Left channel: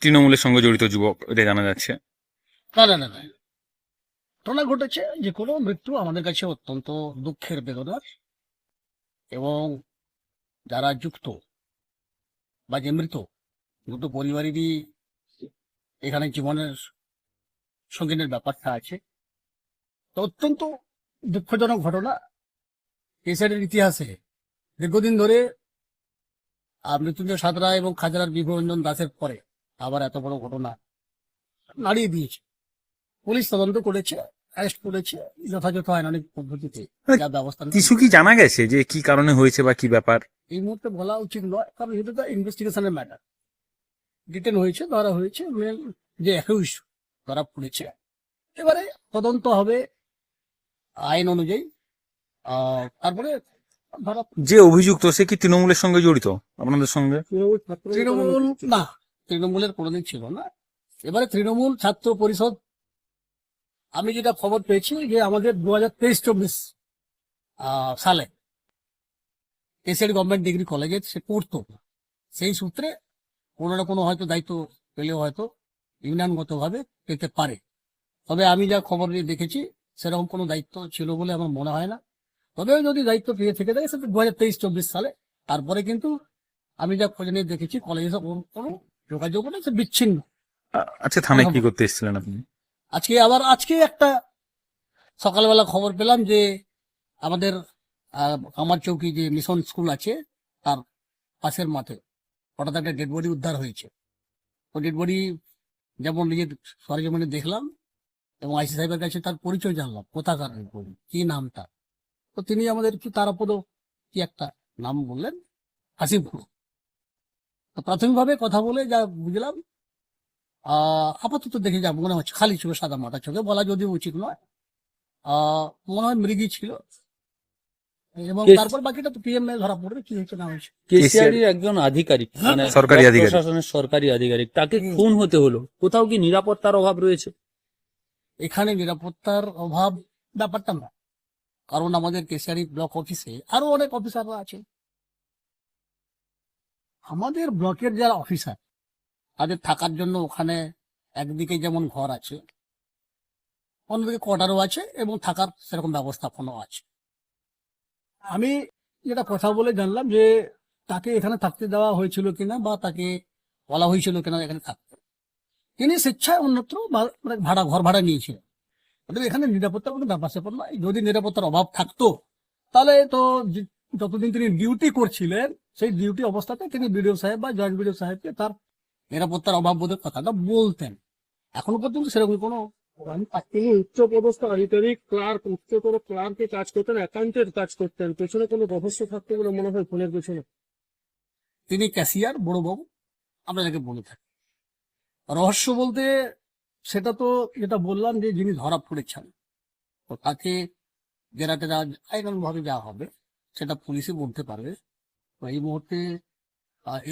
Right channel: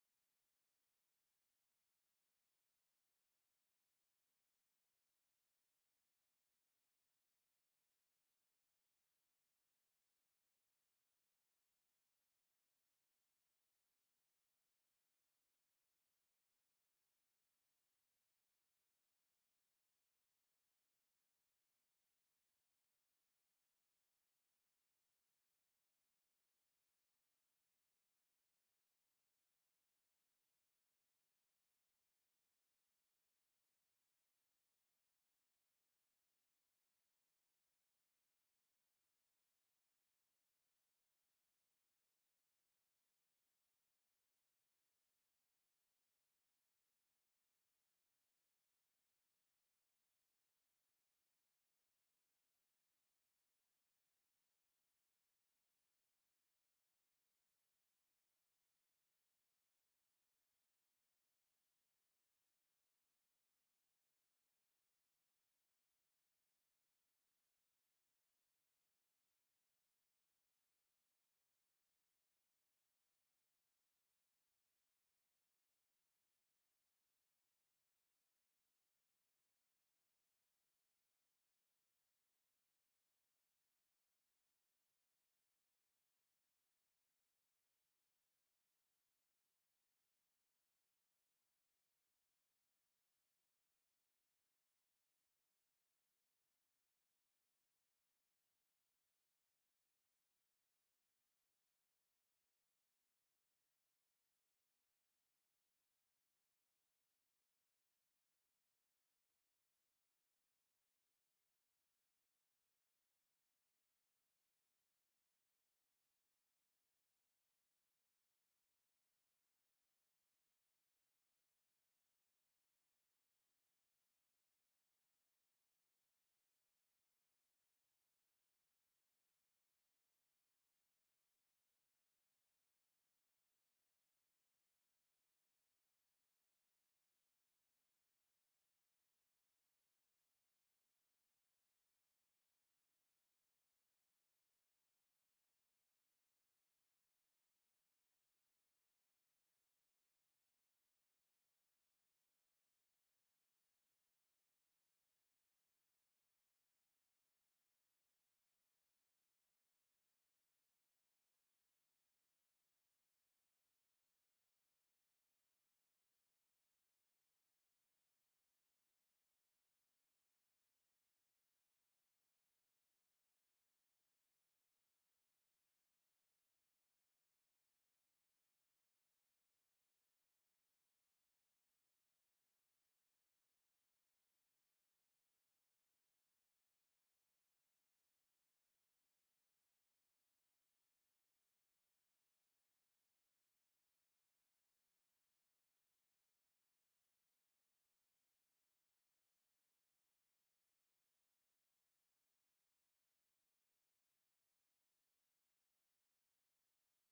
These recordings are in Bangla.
তৃণমূলের সঙ্গে জড়িত যুবক এটা জানা যাচ্ছে। না না না ঘটনা ঘটেছে যে কোনো মৃত্যু আমাদের কাছে অত্যন্ত দুঃখের বেদনার এবং যারা যুক্ত বা যে মৃত দুটো পরিবারেরই এখানে জীবনের সঙ্গিনের ব্যাপারটা আছে। তো অত্যন্ত দুঃখজনক ঘটনা। কেসারের ইতিহাসে দীর্ঘদিন ধরে মৃত্যুঞ্জয় সাঁতরা এবং খাজরার বিভরঞ্জন দাসের পরে আবার এত বড় ঘটনা। নাড়িয়ে দিয়েছে। পুলিশ তদন্ত করেছে অ্যারেস্ট করেছে যথাযথ আইনানিক পদ্ধতিতে যা ব্যবস্থা কিছু কি জানা গেছে যে কি কারণে হয়েছে বা কি ব্যাপার? এই মুহূর্তে বলা উচিত নয় কারণ এটা তো ইনভেস্টিগেশনের ম্যাটার ডিটেন হয়েছে ধরা হয়েছে মেন যে একুশ ধরা পড়েছে। এবারে তদন্ত হবে আইন অনুযায়ী। তারপরে ধরা যে অভিযুক্ত সে কি তৃণমূলের সঙ্গে জড়িত আপনাদের সঙ্গে? তৃণমূল না। তৃণমূলের কোনোদিন ছিল না। এবারে তৃণমূল ছাত্র পরিষদ, আমি যেটা খবর পেয়েছি যে আমাদের দু হাজার তেইশ চব্বিশ সালে এসএড গভর্নমেন্ট ডিগ্রি কলেজে সে পড়তো। সেই সূত্রে কোনো না কোনো হয়তো দায়িত্ব পেলেও হয়তো ইউনিয়নগতভাবে পেতে পারে। তবে আমি যা খবর নিয়ে দেখেছি, সেরকম কোনো দায়িত্ব ছিল বলে আমার মনে হয় না। তবে যদি দায়িত্ব পেয়ে থেকে থাকে, সেটা দু হাজার তেইশ চব্বিশ সালে। তারপরে কিন্তু আমি যা খোঁজ নিয়ে দেখেছি, কলেজে কোনো কোনো যোগাযোগ নেই সে বিচ্ছিন্ন। আচ্ছা থানায় কি করতে এসেছিলেন আপনি? আজকে আবার আজকে একটা সকালবেলা খবর পেলাম যে আমাদের কামার চৌকি যে মিশন স্কুল আছে তার পাশের মাঠে হঠাৎ একটা ডেড বডি উদ্ধার হয়েছে। তো ডেড বডি যেমন নিজের সরজমিনে দেখলাম এবং আইসি সাহেবের কাছে তার পরিচয় জানলাম কোথাকার ডেড বডি কি নাম তার? তো তিনি আমাদের কি তারাপদ কি একটা নাম বললেন হাসিমপুর তো প্রাথমিকভাবে কথা বলে যা বুঝলাম আহ, আপাতত দেখে যা মনে হচ্ছে খালি ছিল সাদা মাথা চোখে বলা যদিও উচিত নয়। আহ, মনে হয় মৃগী ছিল। এবং তারপর বাকিটা তো পিএম ধরা পড়বে কি হয়েছে না হয়েছে কেসিআরির একজন আধিকারিক হ্যাঁ, মানে সরকারি আধিকারিক। প্রশাসনের সরকারি আধিকারিক তাকে খুন হতে হলো। কোথাও কি নিরাপত্তার অভাব রয়েছে? এখানে নিরাপত্তার অভাব ব্যাপারটা না কারণ আমাদের কেশিয়ারি ব্লক অফিসে আরও অনেক অফিসাররা আছে আমাদের ব্লকের যারা অফিসার তাদের থাকার জন্য ওখানে একদিকে যেমন ঘর আছে, অন্যদিকে কোয়ার্টারও আছে এবং থাকার সেরকম ব্যবস্থাপনাও আছে। আমি যেটা কথা বলে জানলাম যে তাকে এখানে থাকতে দেওয়া হয়েছিল কিনা বা তাকে বলা হয়েছিল কিনা এখানে থাকতে। তিনি স্বেচ্ছায় অন্যত্র মানে ভাড়া ঘর ভাড়া নিয়েছিলেন এখানে নিরাপত্তার কোনো ব্যাপার স্যাপার নয়। যদি নিরাপত্তার অভাব থাকতো, তাহলে তো যতদিন তিনি ডিউটি করছিলেন সেই ডিউটি অবস্থাতে তিনি বিডিও সাহেব বা জয়েন্ট বিডিও সাহেবকে তার নিরাপত্তার অভাব বোধের কথাটা বলতেন। এখনও পর্যন্ত সেরকম কোনো আমি তিনি উচ্চ পদস্থ আধিকারিক ক্লার্ক উচ্চতর ক্লার্কে কাজ করতেন অ্যাকাউন্টের কাজ করতেন পেছনে কোনো রহস্য থাকতো বলে মনে হয় ফোনের পেছনে। তিনি ক্যাশিয়ার বড়বাবু আমরা যাকে বলে থাকি। রহস্য বলতে সেটা তো যেটা বললাম যে যিনি ধরা পড়েছেন তাকে জেরা টেরা আইনানুভাবে যা হবে সেটা পুলিশই বলতে পারবে। তো এই মুহূর্তে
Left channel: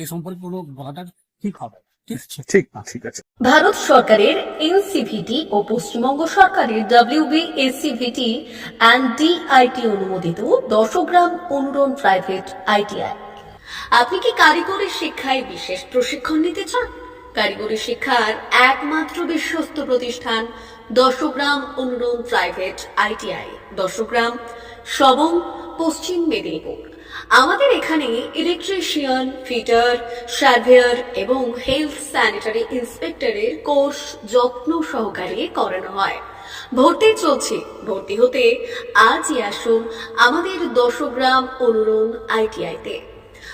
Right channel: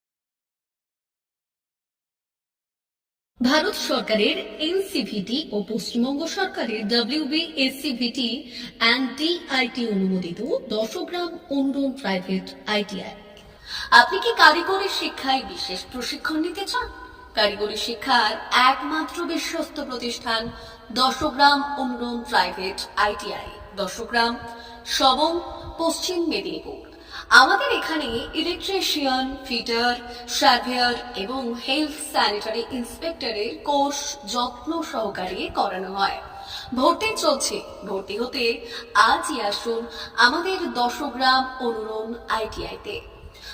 এ সম্পর্কে কোনো বলাটা ঠিক হবে ঠিক ঠিক ঠিক আছে। ভারত সরকারের এনসিভিটি ও পশ্চিমবঙ্গ সরকারের ডাব্লিউবি এসসিভিটি অ্যান্ড ডিআইটি অনুমোদিত দশগ্রাম অনুরণ প্রাইভেট আইটিআই আপনি কি কারিগরি শিক্ষায় বিশেষ প্রশিক্ষণ নিতে চান? কারিগরি শিক্ষার একমাত্র বিশ্বস্ত প্রতিষ্ঠান দশগ্রাম অনুরণ প্রাইভেট আইটিআই। দশগ্রাম সবং, পশ্চিম মেদিনীপুর। আমাদের এখানে ইলেকট্রিশিয়ান ফিটার সার্ভেয়ার এবং হেলথ স্যানিটারি ইন্সপেক্টরের কোর্স যত্ন সহকারে করানো হয়। ভর্তি চলছে। ভর্তি হতে আজই আসুন আমাদের দশগ্রাম অনুরণ আইটিআইতে।